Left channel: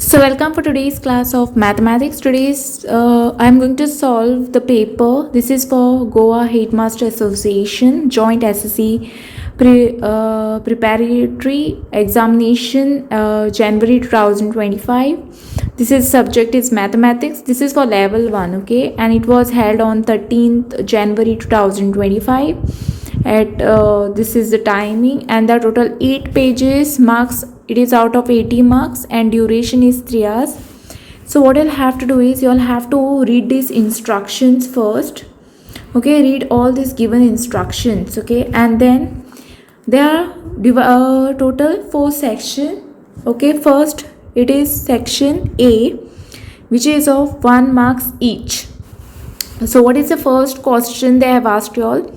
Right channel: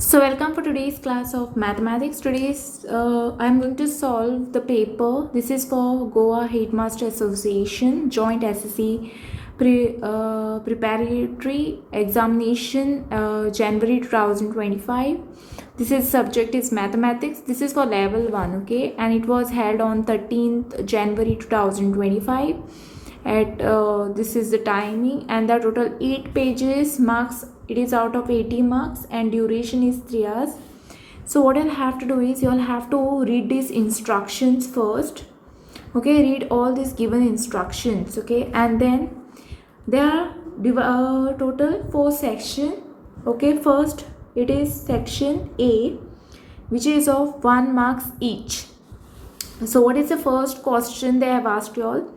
So welcome for today's class of mathematics. Today's I'm going to solve the paper. This is for Goa Headmaster Association Joint SSC Preparatory Examination January 2025. This is subject is mathematics. This is for level 1, okay, and it was held on 13th January 2025 at this is the timing, and the total 8 pages, marks it is out of 80 marks, and duration is 3 hours. So what you'll have to do is you'll have to read these instructions first, okay, read all these given instructions, okay, and then there are total 4 sections, okay. First it is section A, which is of 1 marks each. So what is the first question they have asked you all?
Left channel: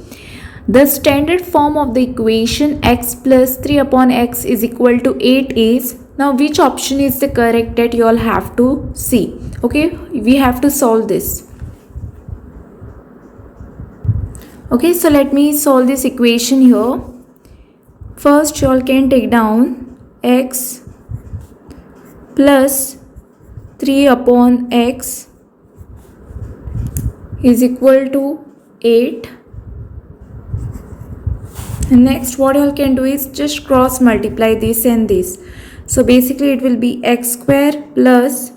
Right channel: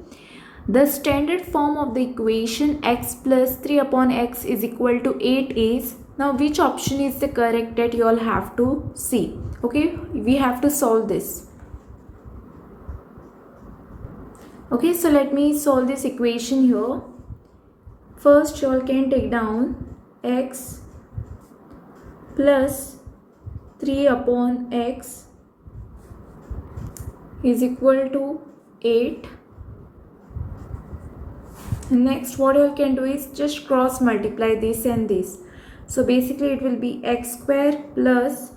The standard form of the equation x plus 3 upon x is equal to 8 is, now which option is the correct, that you all have to see, okay. We have to solve this, okay. So let me solve this equation here. First you all can take down x plus 3 upon x is equal to 8. And next what you all can do is just cross multiply this and this. So basically it will be x square plus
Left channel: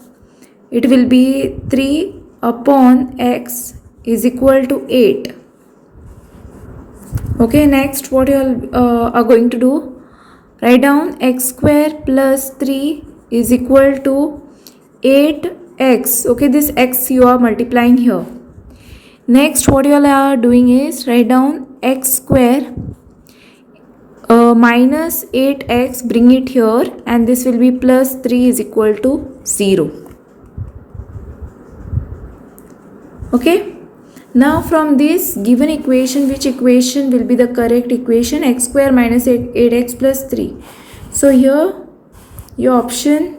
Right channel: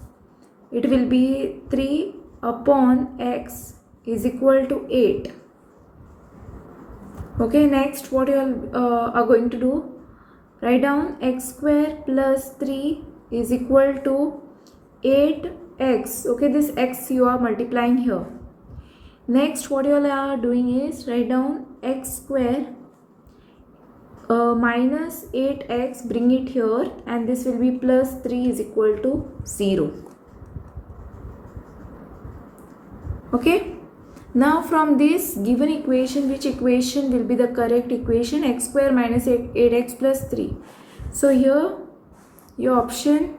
it will be 3 upon x is equal to 8. Okay, next what you all are going to do, write down x square plus 3 is equal to 8x. Okay, this x you are multiplying here. Next what you all are doing is write down x square minus 8x, bring it here, and this will be plus 3 is equal to 0. Okay, now from this given equation, which equation will be the correct equation? X square minus 8x plus 3. So here your option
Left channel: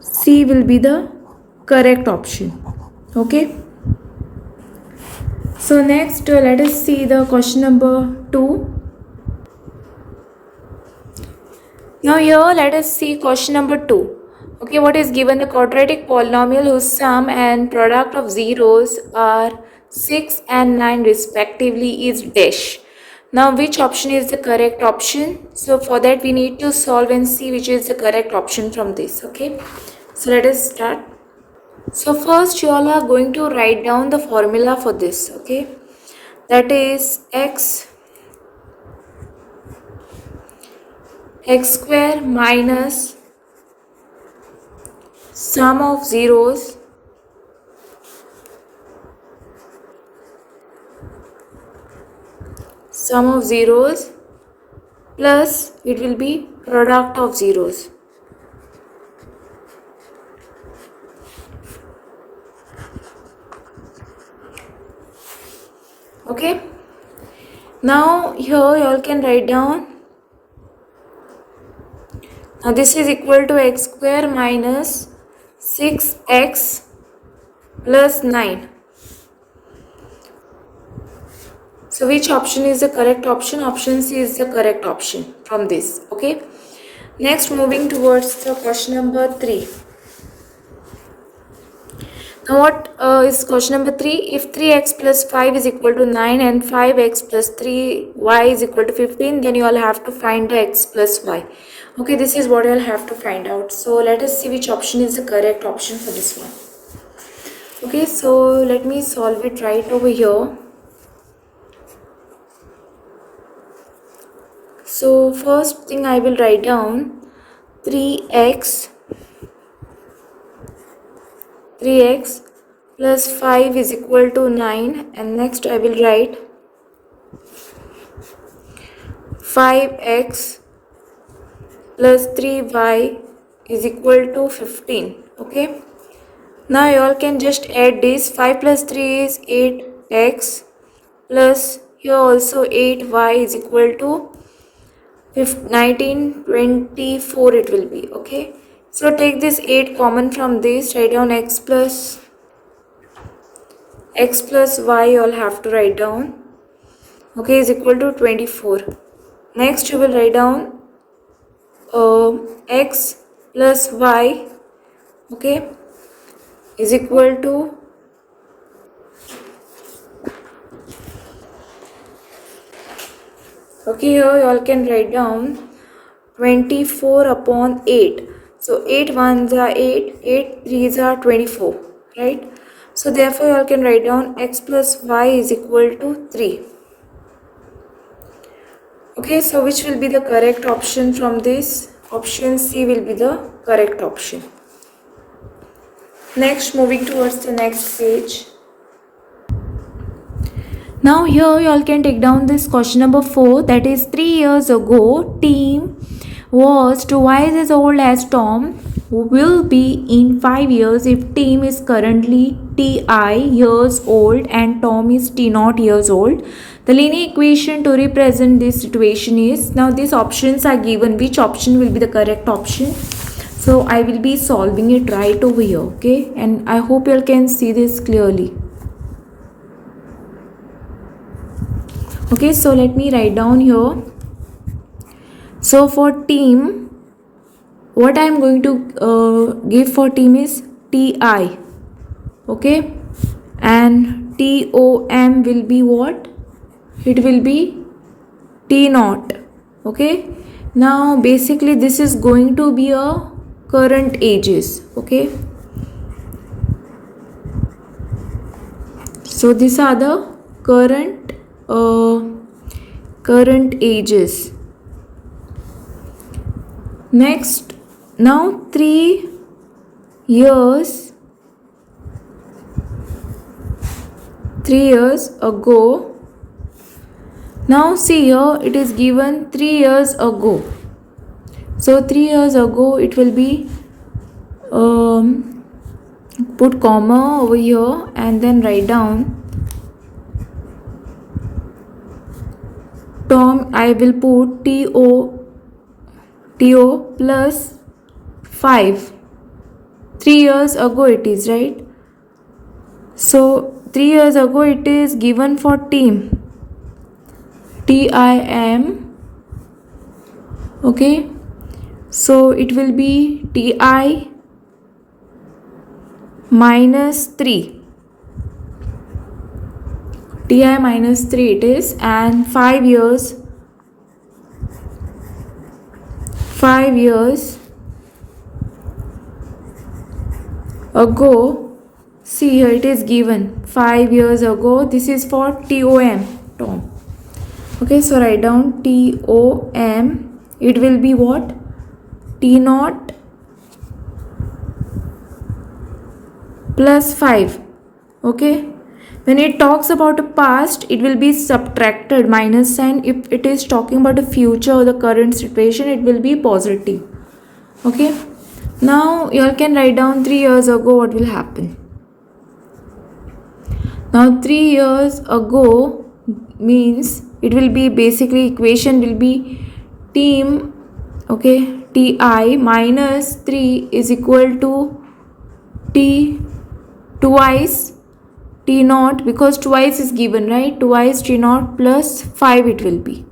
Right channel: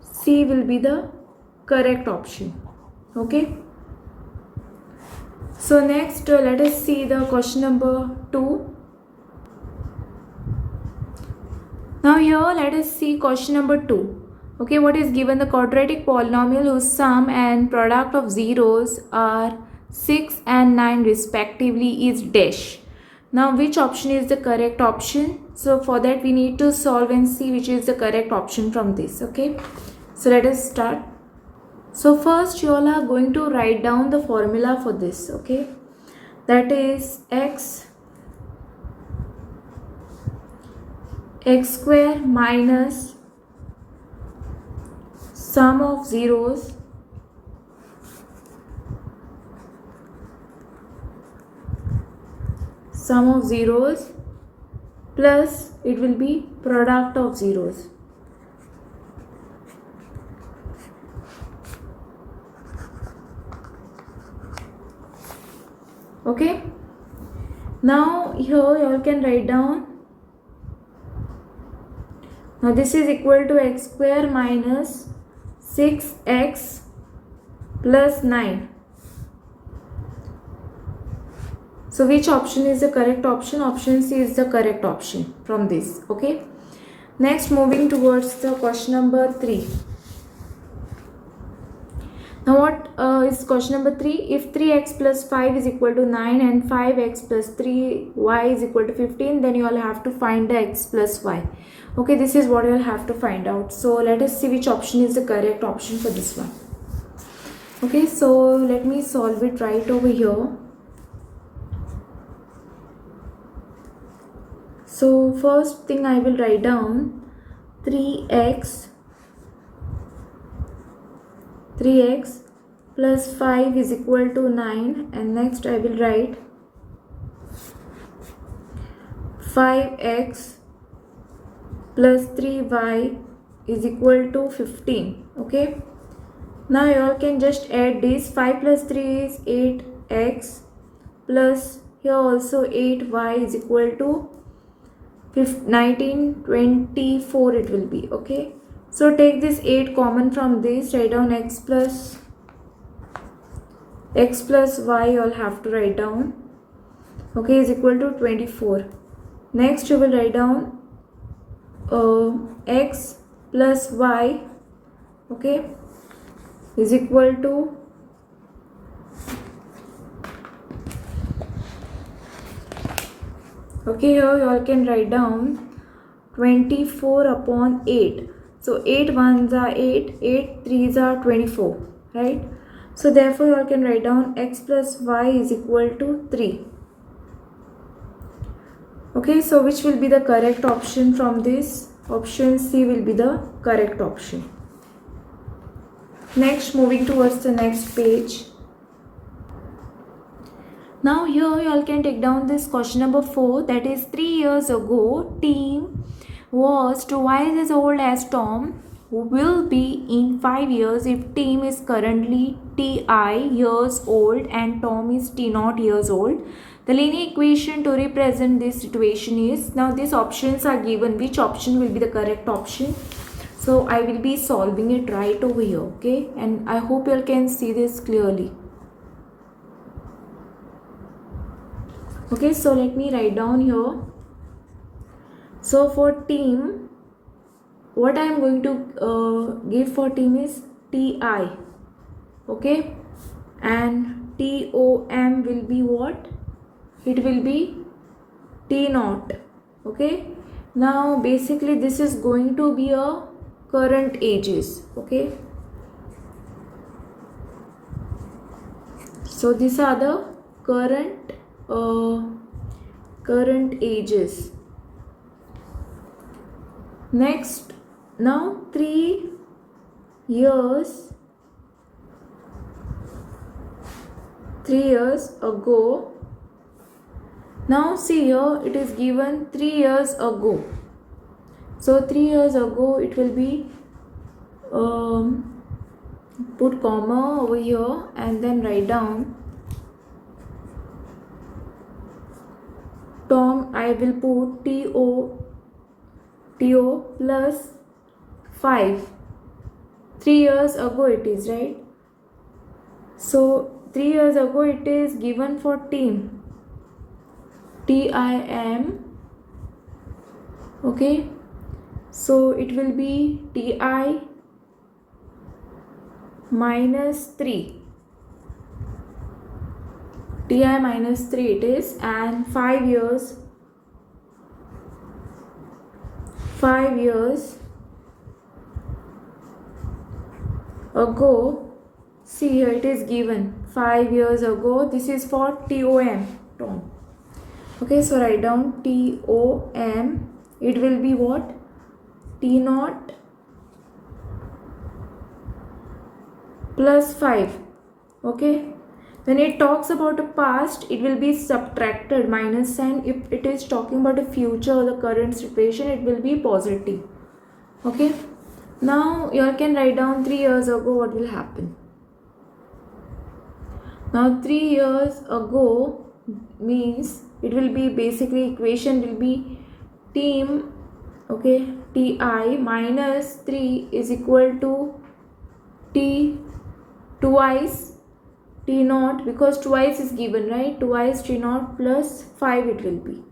C will be the correct option, okay. So next let us see the question number 2. Now here let us see question number 2. Okay, what is given? The quadratic polynomial whose sum and product of zeros are 6 and 9 respectively is dash. Now which option is the correct option? So for that we need to solve and see which is the correct option from this, okay. So let us start. So first you all are going to write down the formula for this, okay. That is x square minus sum of zeros plus it will be product of zeros. Okay, now here you all can write down, now this is equal to x square minus 6x plus 9. So which option is the correct option? Option C is the correct option from this, okay. Next moving towards the question number 3. Now what is question number 3? If 3x plus 5 is equal to 9 and 5x plus 3y is equal to 15, then you all have to find the x plus y. Okay, this is what you all have to find out. So let us see which option is the correct option for this one. Okay, so let me solve it right over here. So first thing I will write down 3x plus 5 is equal to 9, and next I will write 5x plus 3y is equal to 15. Okay, now you all can just add this. 5 plus 3 is 8x plus here also 8y is equal to 19, 24 it will be, okay. So take this 8 common from this, write down x plus y you all have to write down, okay, is equal to 24. Next you will write down x plus y okay, is equal to here you all can write down 24 upon 8. So 8 ones are 8, 8 threes are 24, right? So therefore you all can write down x plus y is equal to 3. Okay, so which will be the correct option from this? Option C will be the correct option. Next, moving towards the next page. Now here you all can take down this question number 4, that is 3 years ago Tim was twice as old as Tom, who will be in 5 years if Tim is currently TI years old and Tom is T0 years old. The linear equation to represent this situation is, now these options are given, which option will be the correct option. So I will be solving it right over here, okay, and I hope you all can see this clearly. Okay, so let me write down here. So for Tim, what I am going to give for Tim is TI, okay, and TOM will be what? It will be T0, okay. Now basically this is going to be a current ages, okay. So these are the current ages. Next, now 3 years ago. Now see here, it is given 3 years ago. So 3 years ago it will be put comma over here and then write down Tom. I will put TO plus 5. 3 years ago it is, right? So 3 years ago it is given for Tim, TIM, okay. So it will be TI minus 3. TI minus 3 it is, and 5 years ago, see here it is given 5 years ago, this is for Tom, okay. So write down TOM, it will be what? T0 plus 5, okay. When it talks about the past, it will be subtracted, minus sign. If it is talking about the future or the current situation, it will be positive, okay. Now you all can write down 3 years ago what will happen. Now 3 years ago means it will be basically equation will be Tim, okay, TI minus 3 is equal to T twice T0, because twice is given, right? Twice T0 plus 5 it will be.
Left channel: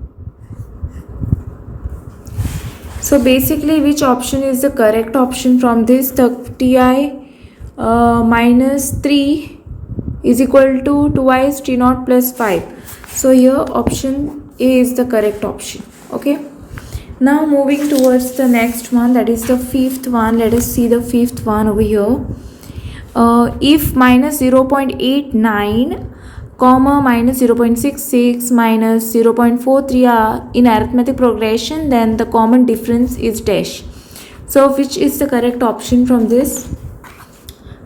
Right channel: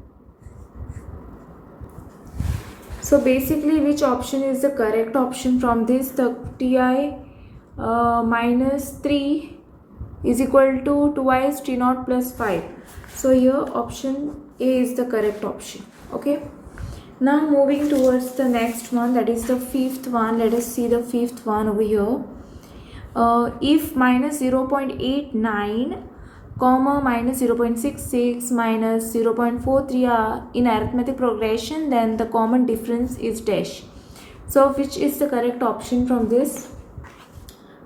So basically which option is the correct option from this? The TI minus 3 is equal to twice T0 plus 5. So here option A is the correct option, okay. Now moving towards the next one, that is the fifth one. Let us see the fifth one over here. If minus 0.89 comma minus 0.66 minus 0.43 are in arithmetic progression, then the common difference is dash. So which is the correct option from this?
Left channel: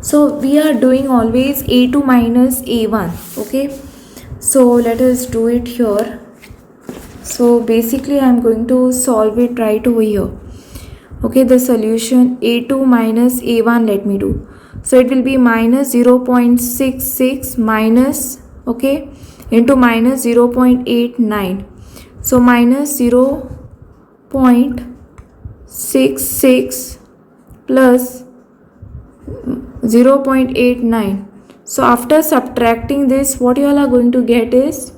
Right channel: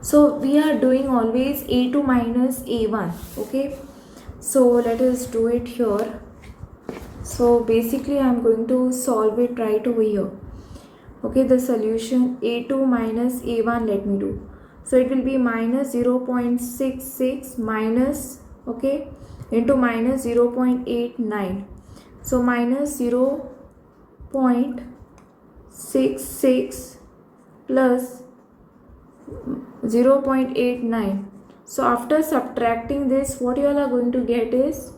So we are doing always A2 minus A1, okay. So let us do it here. So basically I am going to solve it right over here, okay. The solution A2 minus A1, let me do. So it will be minus 0.66 minus, okay, into minus 0.89. So minus 0.66 plus 0.89. So after subtracting this, what you all are going to get is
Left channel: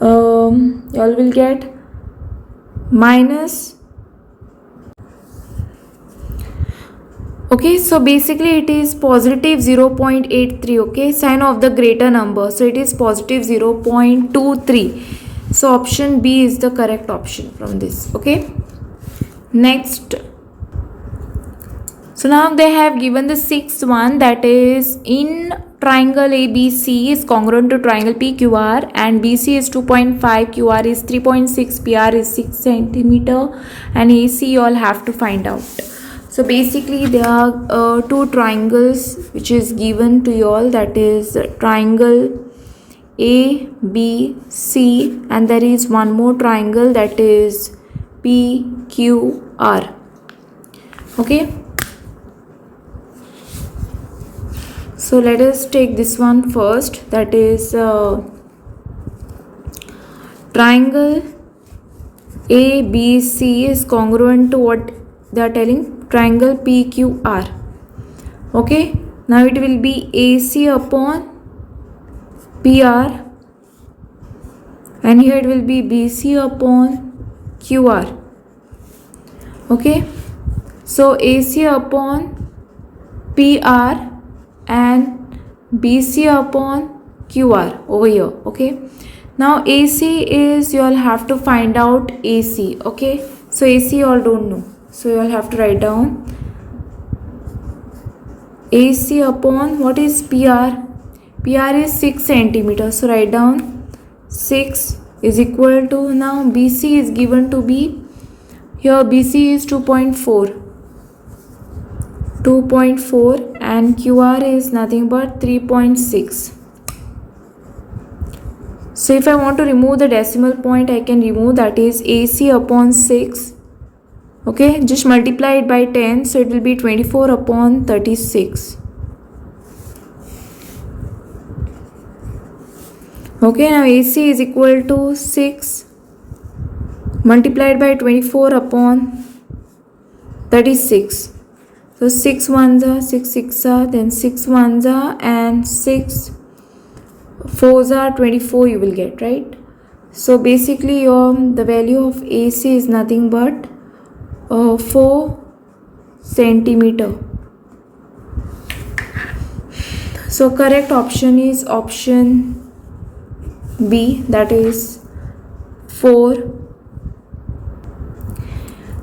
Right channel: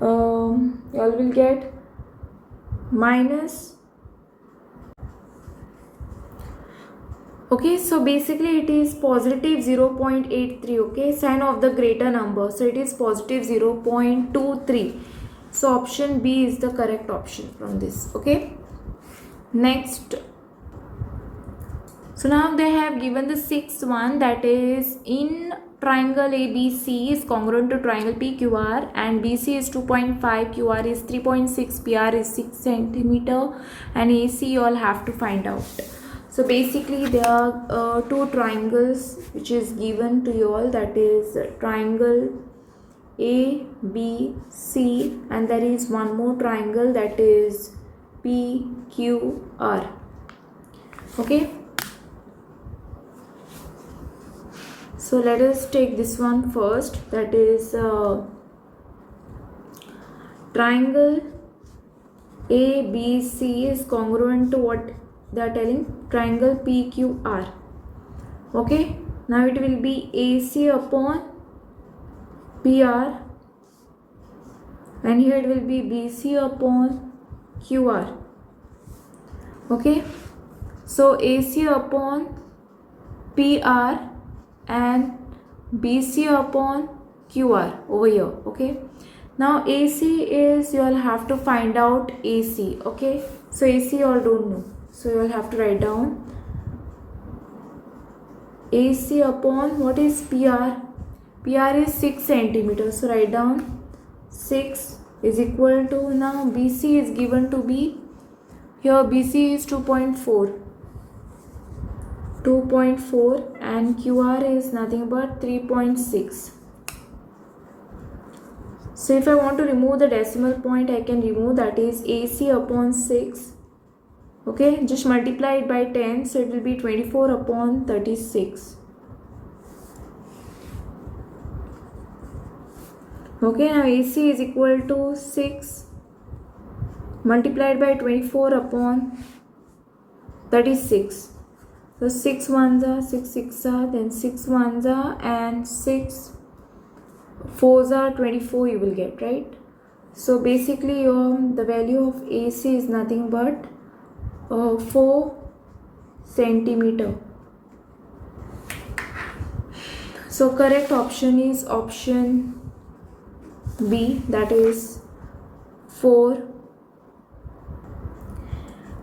you all will get minus Okay, so basically it is positive 0.83. Okay, sign of the greater number, so it is positive 0.23. So option B is the correct option from this. Okay, next. So now they have given the sixth one, that is in triangle ABC is congruent to triangle PQR and BC is 2.5, QR is 3.6, PR is 6 centimeter and AC you all have to find out. So basically there are two triangles which is given to you all, that is triangle ABC and there is one more triangle that is PQR. Okay. So let us take this one first, that is triangle ABC is congruent to what they are telling, triangle PQR. Okay, now it will be AC upon PR and here it will be BC upon QR. Okay, so AC upon PR and BC upon QR over here. Okay, now AC is, you all have to find out AC. Okay, so AC you all don't know, so you all have to write down AC upon what is PR. PR is 6 centimeters, so write down 6 is equal to, now BC is given to be, here BC is 2.4 and QR is nothing but 3.6. So if I want to remove the decimal point, I can remove, that is AC upon 6. Okay, just multiply it by 10, so it will be 24 upon 36. Okay, now AC is equal to 6 multiplied by 24 upon 36. So 6 ones are, 6 6 are, then 6 ones are, and 6 4s are 24 you will get, right? So basically the value of AC is nothing but 4 centimeter. So correct option is option B, that is 4.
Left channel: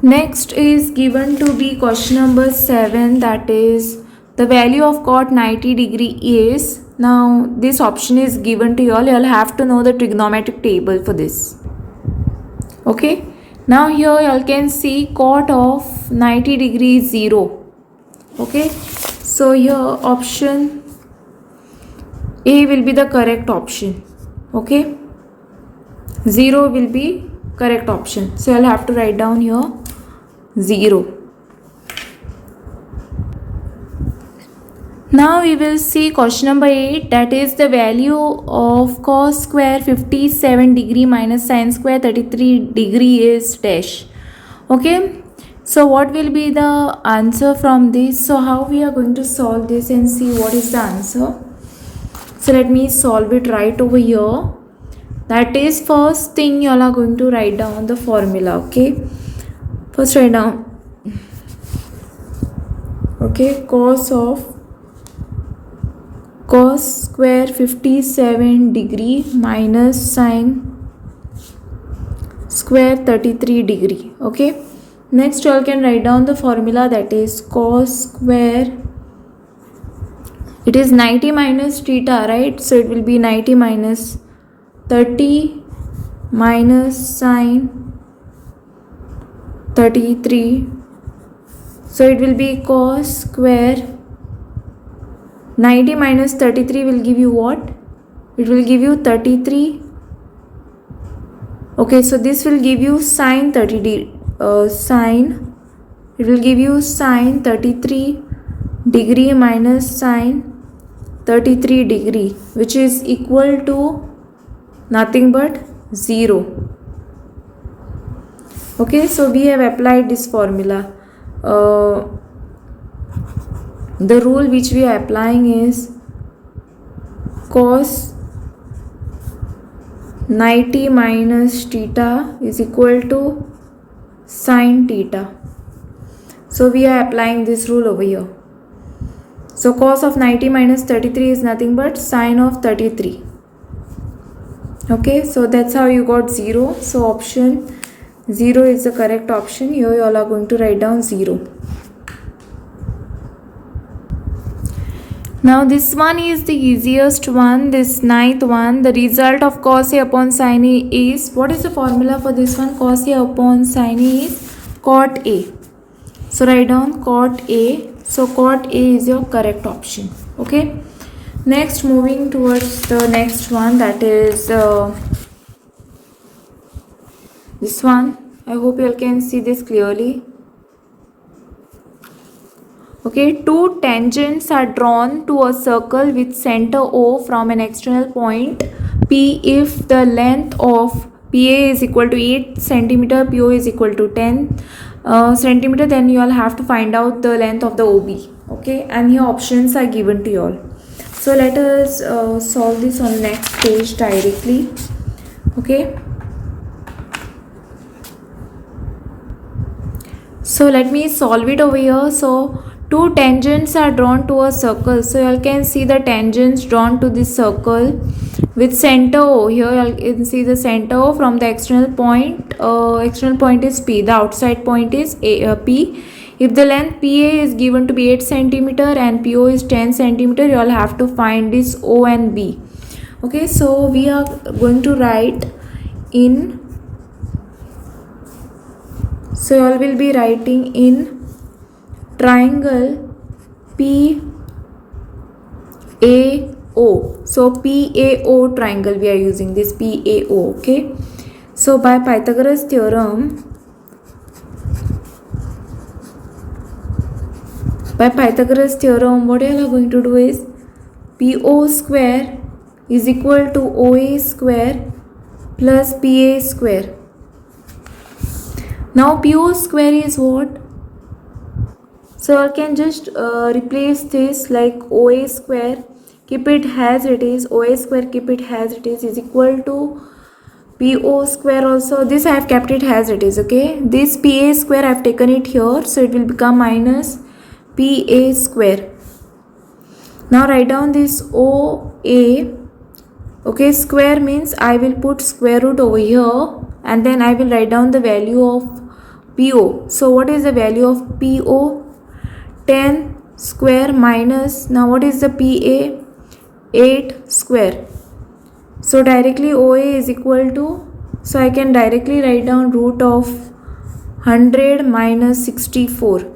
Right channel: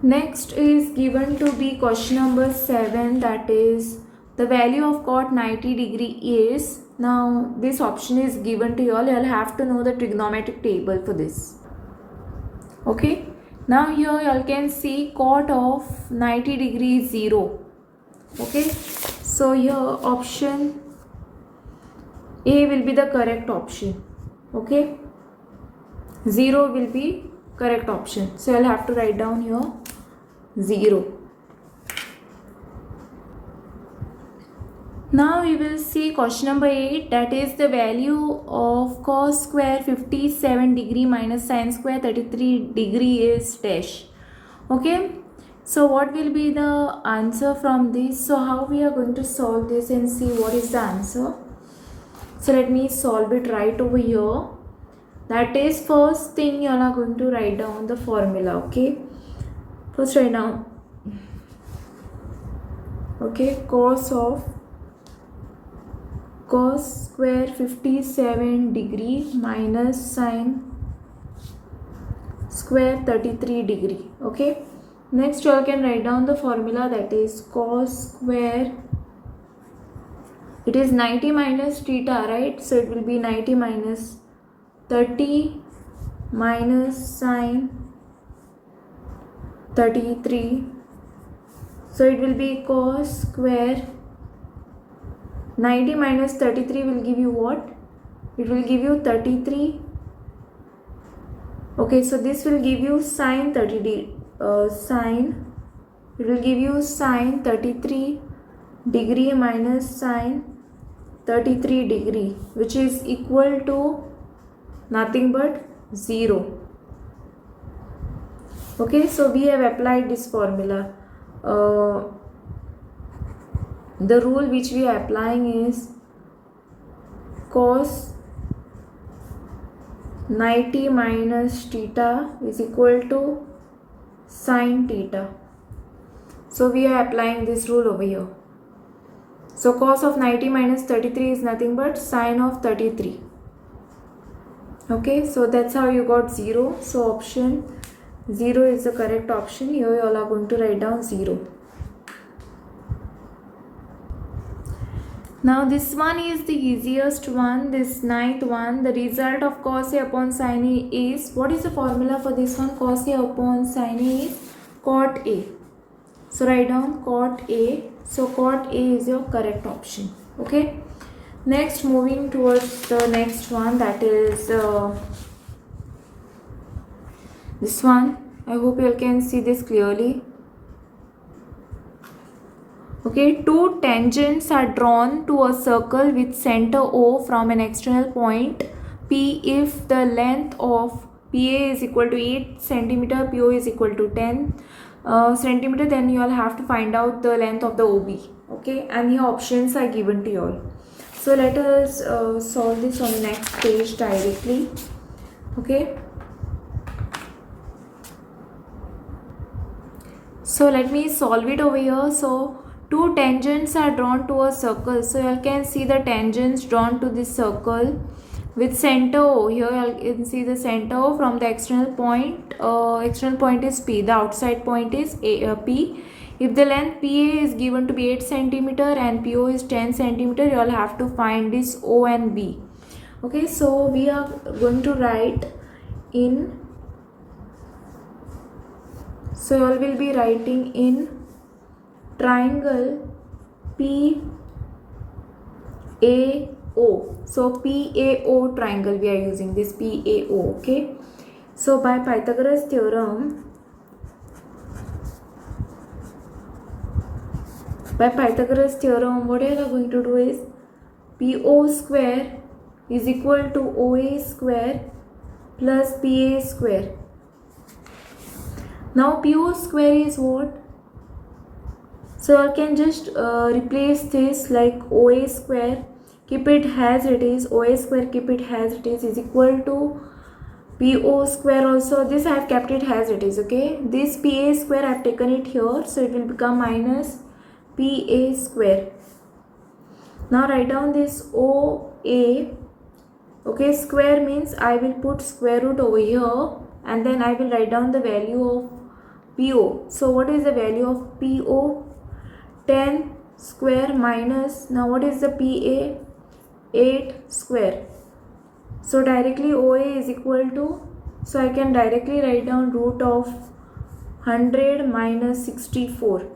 Next is given to be question number 7, that is the value of cot 90 degree is, now this option is given to you all have to know the trigonometric table for this. Okay, now here you all can see cot of 90 degree is 0. Okay, so here option A will be the correct option. Okay, 0 will be correct option, so I'll have to write down here 0. Now we will see question number 8, that is the value of cos square 57 degree minus sin square 33 degree is dash. Okay, so what will be the answer from this? So how we are going to solve this and see what is the answer? So let me solve it right over here. That is, first thing you all are going to write down the formula. Okay, first write down, okay, cos square 57 degree minus sin square 33 degree. Okay, next you all can write down the formula, that is cos square, it is 90 minus theta, right? So it will be 90 minus 30 minus sin 33, so it will be cos square 90 minus 33 will give you what? It will give you 33. Okay, so this will give you sin 30 sin, it will give you sin 33 degree minus sin 33 degree, which is equal to nothing but 0. Okay, so we have applied this formula. The rule which we are applying is cos 90 minus theta is equal to sin theta. So we are applying this rule over here. So cos of 90 minus 33 is nothing but sine of 33. Okay, so that's how you got 0. So option 0 is the correct option. Here you all are going to write down 0. Now this one is the easiest one, this ninth one. The result of cos A upon sin A is, what is the formula for this one? Cos A upon sin A is cot A. So write down cot A. So cot A is your correct option. Okay. Next, moving towards the next one, that is this one. I hope you all can see this clearly. Okay, two tangents are drawn to a circle with center O from an external point P if the length of PA is equal to 8 centimeter, PO is equal to 10 centimeter. Then you all have to find out the length of the OB. Okay, and here options are given to you all. So let us solve this on the next page directly. Okay. So let me solve it over here. So two tangents are drawn to a circle. So you all can see the tangents drawn to this circle with center O. Here you all can see the center O from the external point. External point is P. The outside point is P. If the length PA is given to be 8 centimeter and PO is 10 centimeter, you all have to find this O and B. Okay, so we are going to write in. So you all will be writing in triangle PAO. So PAO triangle we are using this PAO. Okay. So by Pythagoras theorem, what you are going to do is PO square is equal to OA square plus PA square. Now PO square is what? So I can just replace this like OA square, keep it as it is, OA square keep it as it is equal to PO square also. This I have kept it as it is. Okay, this PA square I have taken it here, so it will become minus PA square. Now write down this OA. Okay, square means I will put square root over here and then I will write down the value of PO. So what is the value of PO? 10 square minus, now what is the PA? 8 square. So directly OA is equal to, so I can directly write down root of 100 minus 64.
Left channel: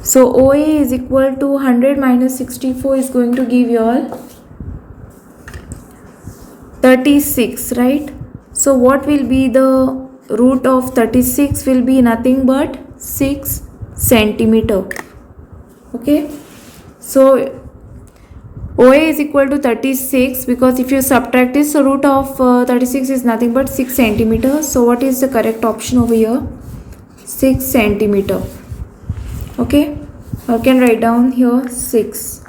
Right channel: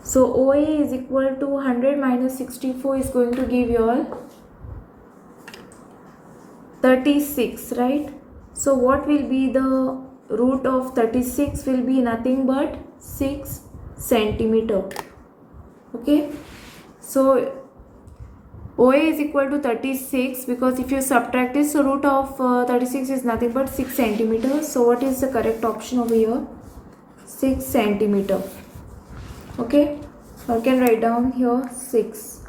So OA is equal to 100 minus 64 is going to give you all 36, right? So what will be the root of 36? Will be nothing but 6 centimeter. Okay, so OA is equal to 36 because if you subtract this, so root of 36 is nothing but 6 centimeter. So what is the correct option over here? 6 centimeter. Okay, I can write down here 6.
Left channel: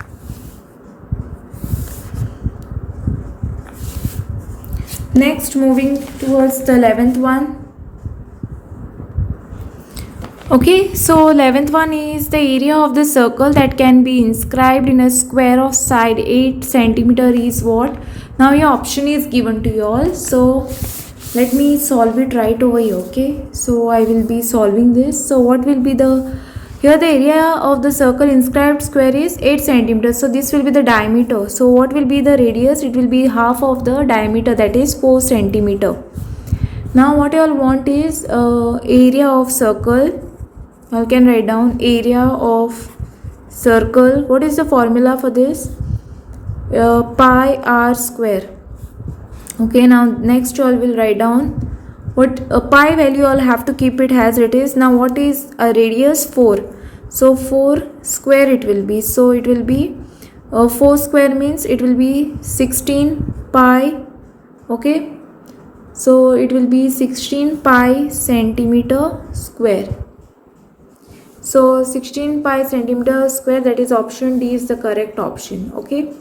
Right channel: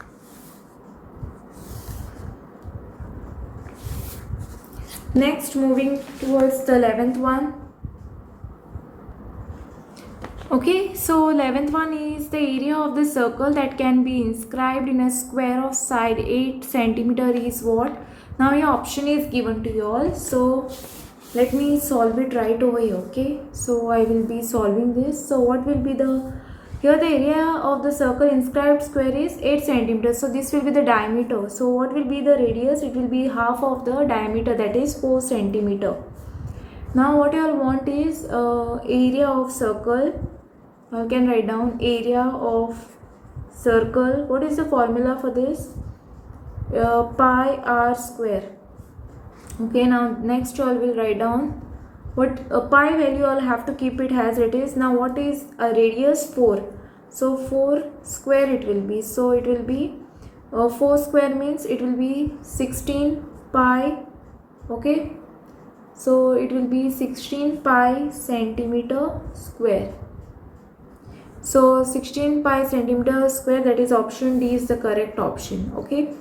Next, moving towards the 11th one. Okay, so 11th one is the area of the circle that can be inscribed in a square of side 8 centimeter is what? Now your option is given to you all. So let me solve it right over here. Okay, so I will be solving this. So what will be the, here the area of the circle inscribed square is 8 centimeters. So this will be the diameter. So what will be the radius? It will be half of the diameter, that is 4 centimeter. Now what you all want is area of circle. I can write down area of circle. What is the formula for this? Pi r square. Okay, now next you all will write down what pi value. I'll have to keep it as it is. Now what is a radius? 4. So 4 square it will be. So it will be 4 square means it will be 16 pi. Okay, so it will be 16 pi centimeter square. So 16 pi centimeter square, that is option D is the correct option. Okay,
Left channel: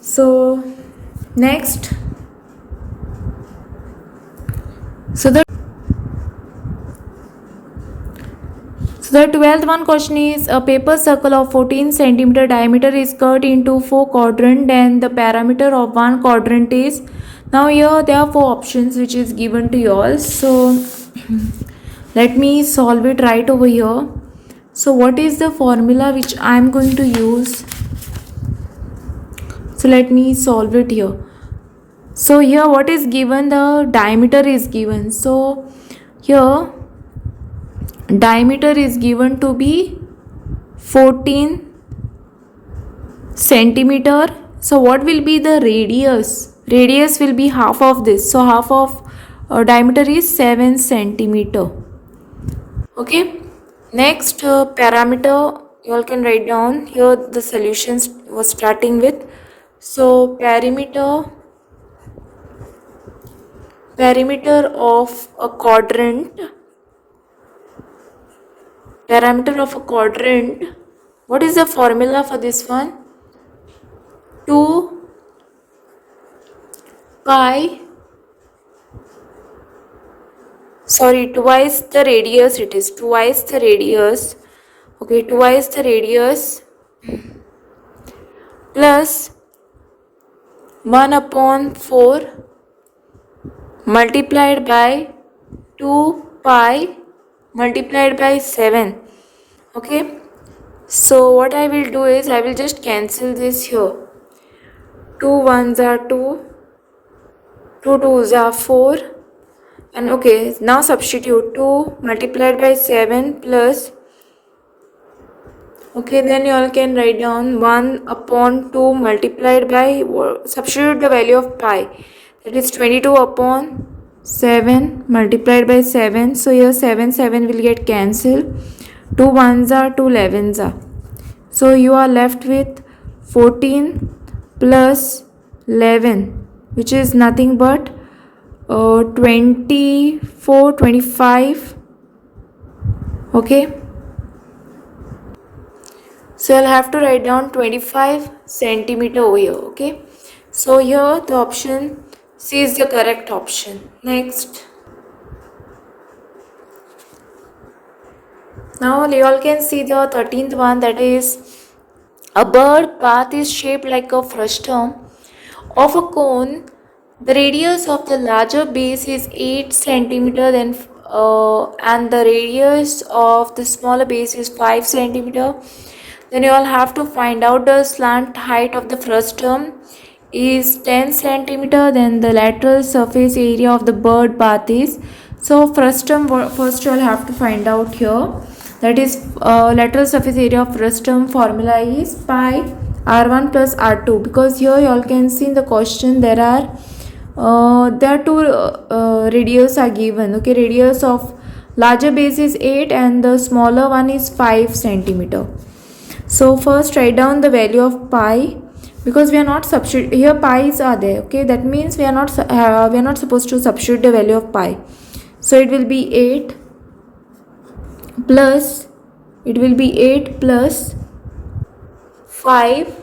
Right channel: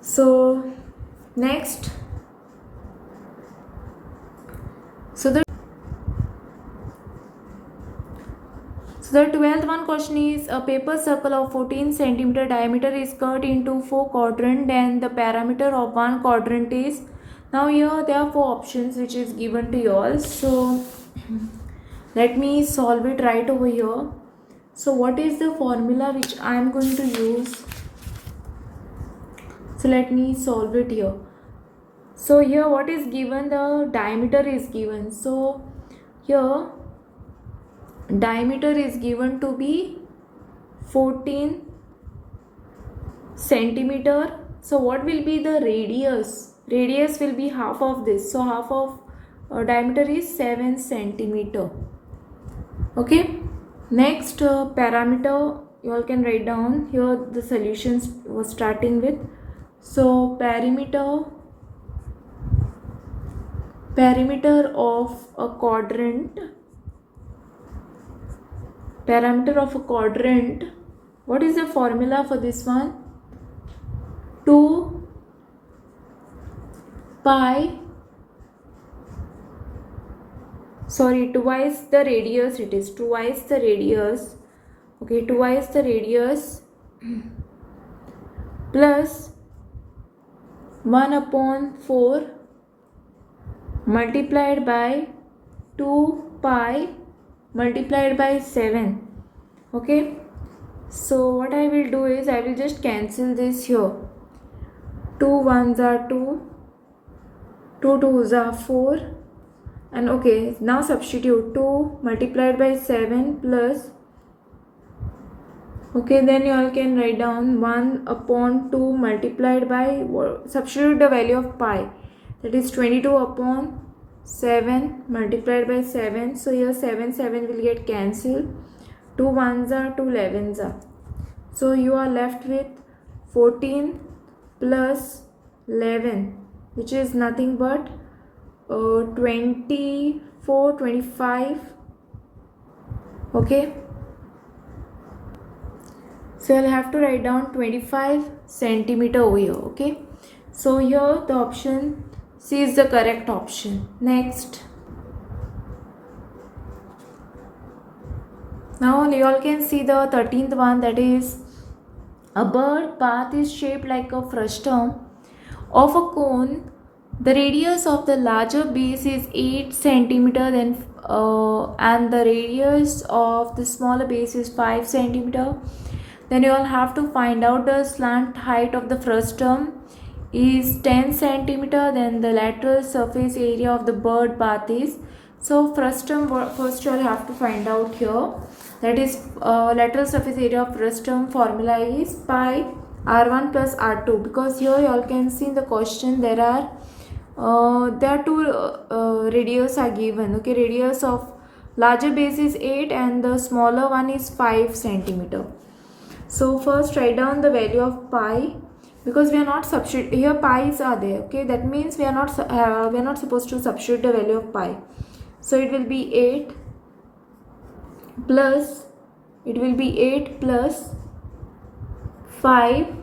so next, So the 12th one question is, a paper circle of 14 centimeter diameter is cut into 4 quadrants and the parameter of one quadrant is, now here there are 4 options which is given to you all. So let me solve it right over here. So what is the formula which I am going to use? So let me solve it here. So here what is given, the diameter is given. So here diameter is given to be 14 centimeter. So what will be the radius? Radius will be half of this. So half of diameter is 7 centimeter. Okay. Next parameter you all can write down here. The solutions was starting with. So perimeter of a quadrant. Parameter of a quadrant. What is the formula for this one? 2 pi, twice the radius, it is twice the radius. Okay, twice the radius plus 1 upon 4 multiplied by 2 pi multiplied by 7. Okay, so what I will do is I will just cancel this here. 2 1s are 2, 2 2s are 4, and okay, now substitute 2 multiplied by 7 plus, okay, then you all can write down 1 upon 2 multiplied by, substitute the value of pi, that is 22 upon 7 multiplied by 7. So here 7 will get cancelled. 2 1s are 2 11s are. So you are left with 14 plus 11, which is nothing but 24, 25. Okay. So I'll have to write down 25 centimeter over here. Okay. So here the option C is the correct option. Next. Now you all can see the 13th one, that is, a bird path is shaped like a frustum of a cone. The radius of the larger base is 8 centimeter and the radius of the smaller base is 5 centimeter. Then you all have to find out the slant height of the frustum is 10 centimeter. Then the lateral surface area of the bird path is, so frustum first you all have to find out here, that is lateral surface area of frustum formula is pi r1 plus r2, because here you all can see in the question there are two radius are given. Okay, radius of larger base is 8 and the smaller one is 5 centimeter. So first write down the value of pi, because we are not substitute here, pi's are there. Okay, that means we are not supposed to substitute the value of pi. So it will be 8 plus 5,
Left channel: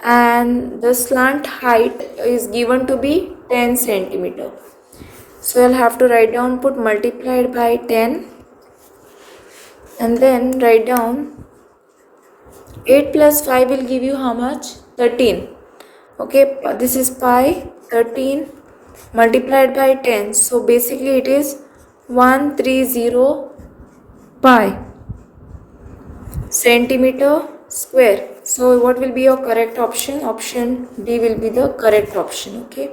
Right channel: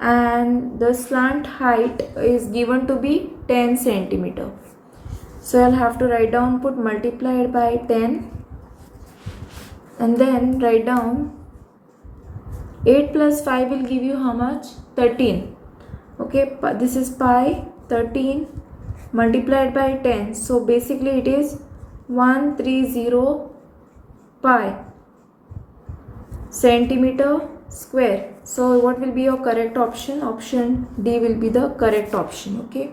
and the slant height is given to be 10 centimeter. So I'll have to write down, put multiplied by 10, and then write down 8 plus 5 will give you how much? 13. Okay, this is pi, 13 multiplied by 10. So basically it is 130 pi centimeter square. So what will be your correct option? Option D will be the correct option. Okay.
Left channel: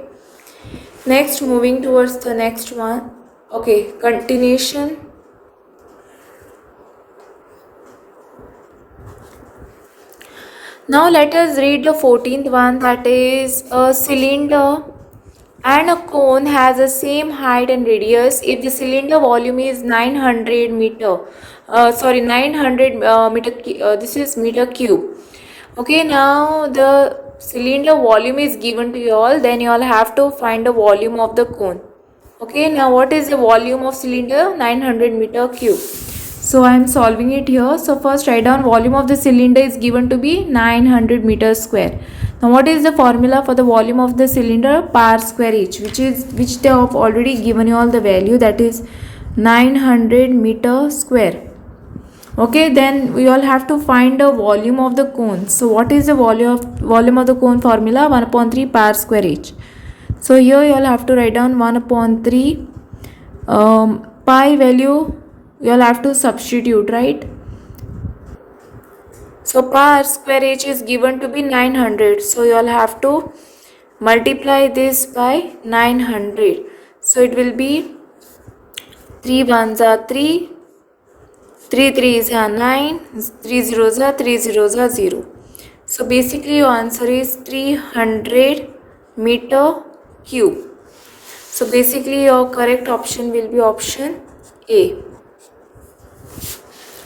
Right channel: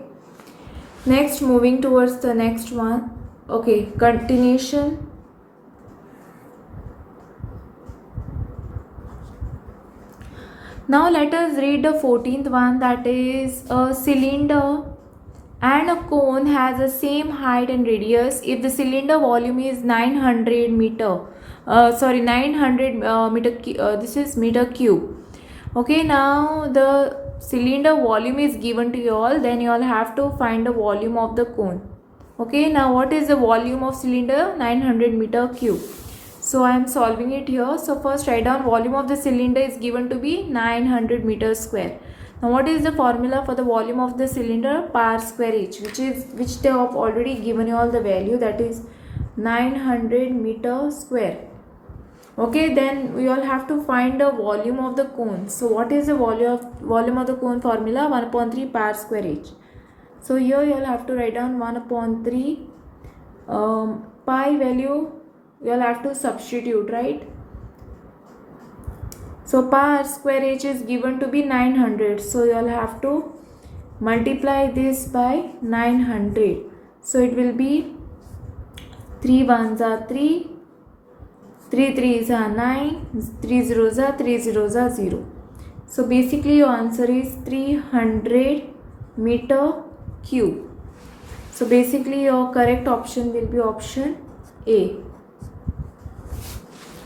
Next, moving towards the next one. Okay, continuation. Now let us read the 14th one, that is, a cylinder and a cone has the same height and radius if the cylinder volume is 900 meter. This is meter cube. Okay, now the cylinder volume is given to you all, then you all have to find the volume of the cone. Okay, now what is the volume of cylinder? 900 meter cube. So I am solving it here. So first write down volume of the cylinder is given to be 900 meters square. Now what is the formula for the volume of the cylinder? Pi r square h, which they have already given you all the value, that is 900 meter square. Okay, then we all have to find the volume of the cone. So what is the volume of the cone formula? 1 upon 3 pi square h. So here you all have to write down 1 upon 3 pi value you all have to substitute, right? So pi square h is given to be 900. So you all have to multiply this by 900. So it will be 3 ones are 3, 3 threes are 9, 3 zeros are 3 zeros are 0. So basically your answer is 300 meter cube. So basically your correct option will be option A.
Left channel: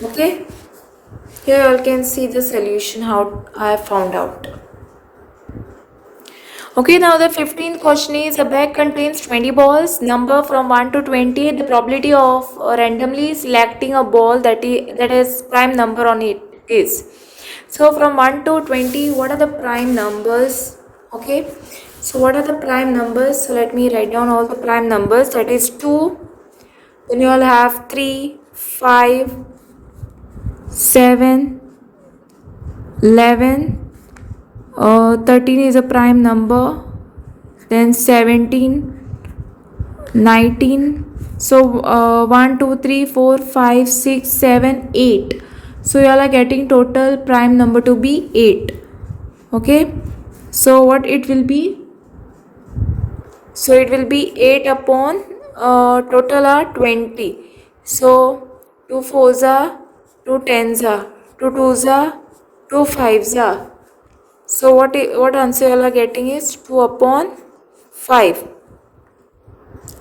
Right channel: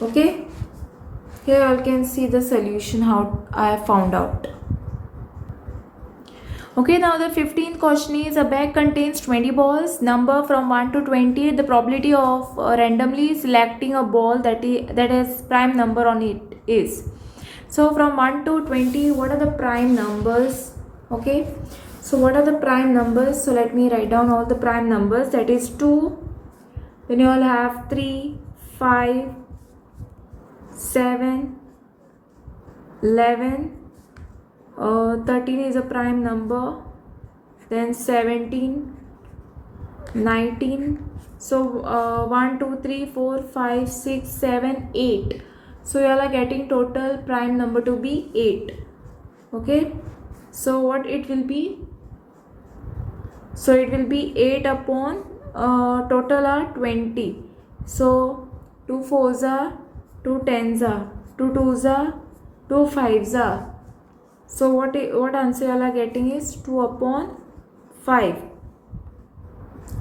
Okay. Here you all can see the solution how I found out. Okay, now the 15th question is a bag contains 20 balls, number from 1 to 20. The probability of randomly selecting a ball that has prime number on it is. So from 1 to 20, what are the prime numbers? Okay, so what are the prime numbers? So let me write down all the prime numbers. That is 2, then you all have 3, 5, 7, 11, 13 is a prime number, then 17, 19. So 1, 2, 3, 4, 5, 6, 7, 8. So you all are getting total prime number to be 8. Okay, so what it will be? So it will be 8 upon total are 20. So 2 fours are 2 tens are 2 twos are 2 fives are. So what answer you are getting is 2 upon 5,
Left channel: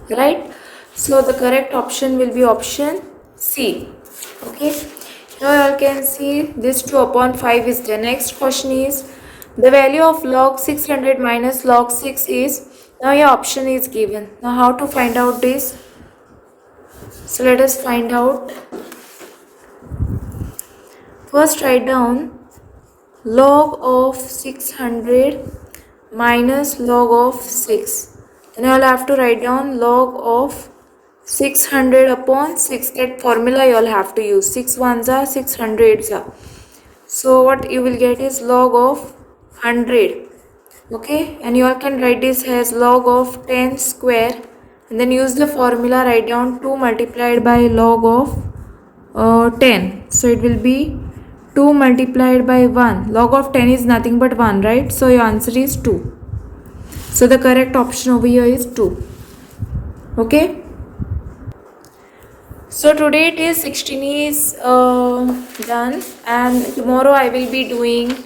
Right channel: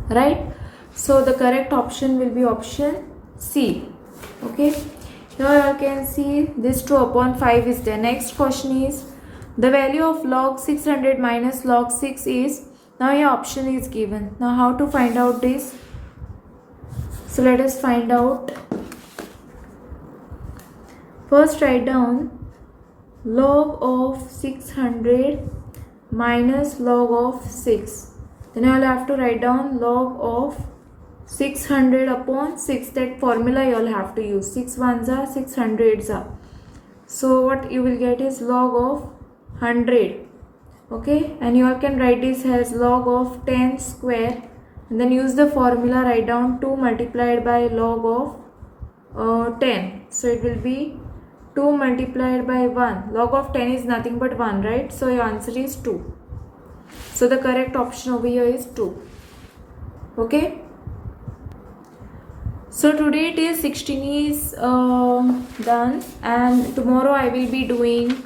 right? So the correct option will be option C. Okay, here you can see this 2 upon 5 is there. Next question is the value of log 600 minus log 6 is. Now your option is given. Now how to find out this? So let us find out. First write down log of 600 minus log of 6. Then I will have to write down log of 600 upon 6. That formula you all have to use. 6 ones are 6 hundreds are. So what you will get is log of 100. Okay, and you all can write this as log of 10 square, and then use the formula, write down 2 multiplied by log of 10. So it will be 2 multiplied by 1. Log of 10 is nothing but 1, right? So your answer is 2. So the correct option over here is 2. Okay. So today it is 16 is done, and tomorrow I will be doing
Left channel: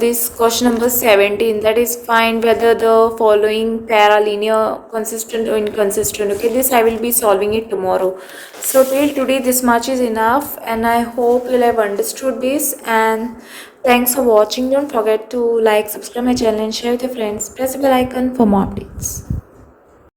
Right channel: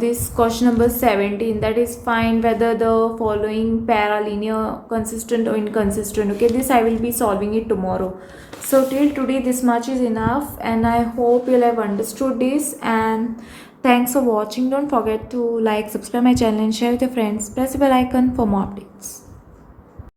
this question number 17, that is find whether the following pair are linear, consistent or inconsistent. Okay, this I will be solving it tomorrow. So till today this much is enough, and I hope you'll have understood this, and thanks for watching. Don't forget to like, subscribe my channel and share with your friends. Press the bell icon for more updates.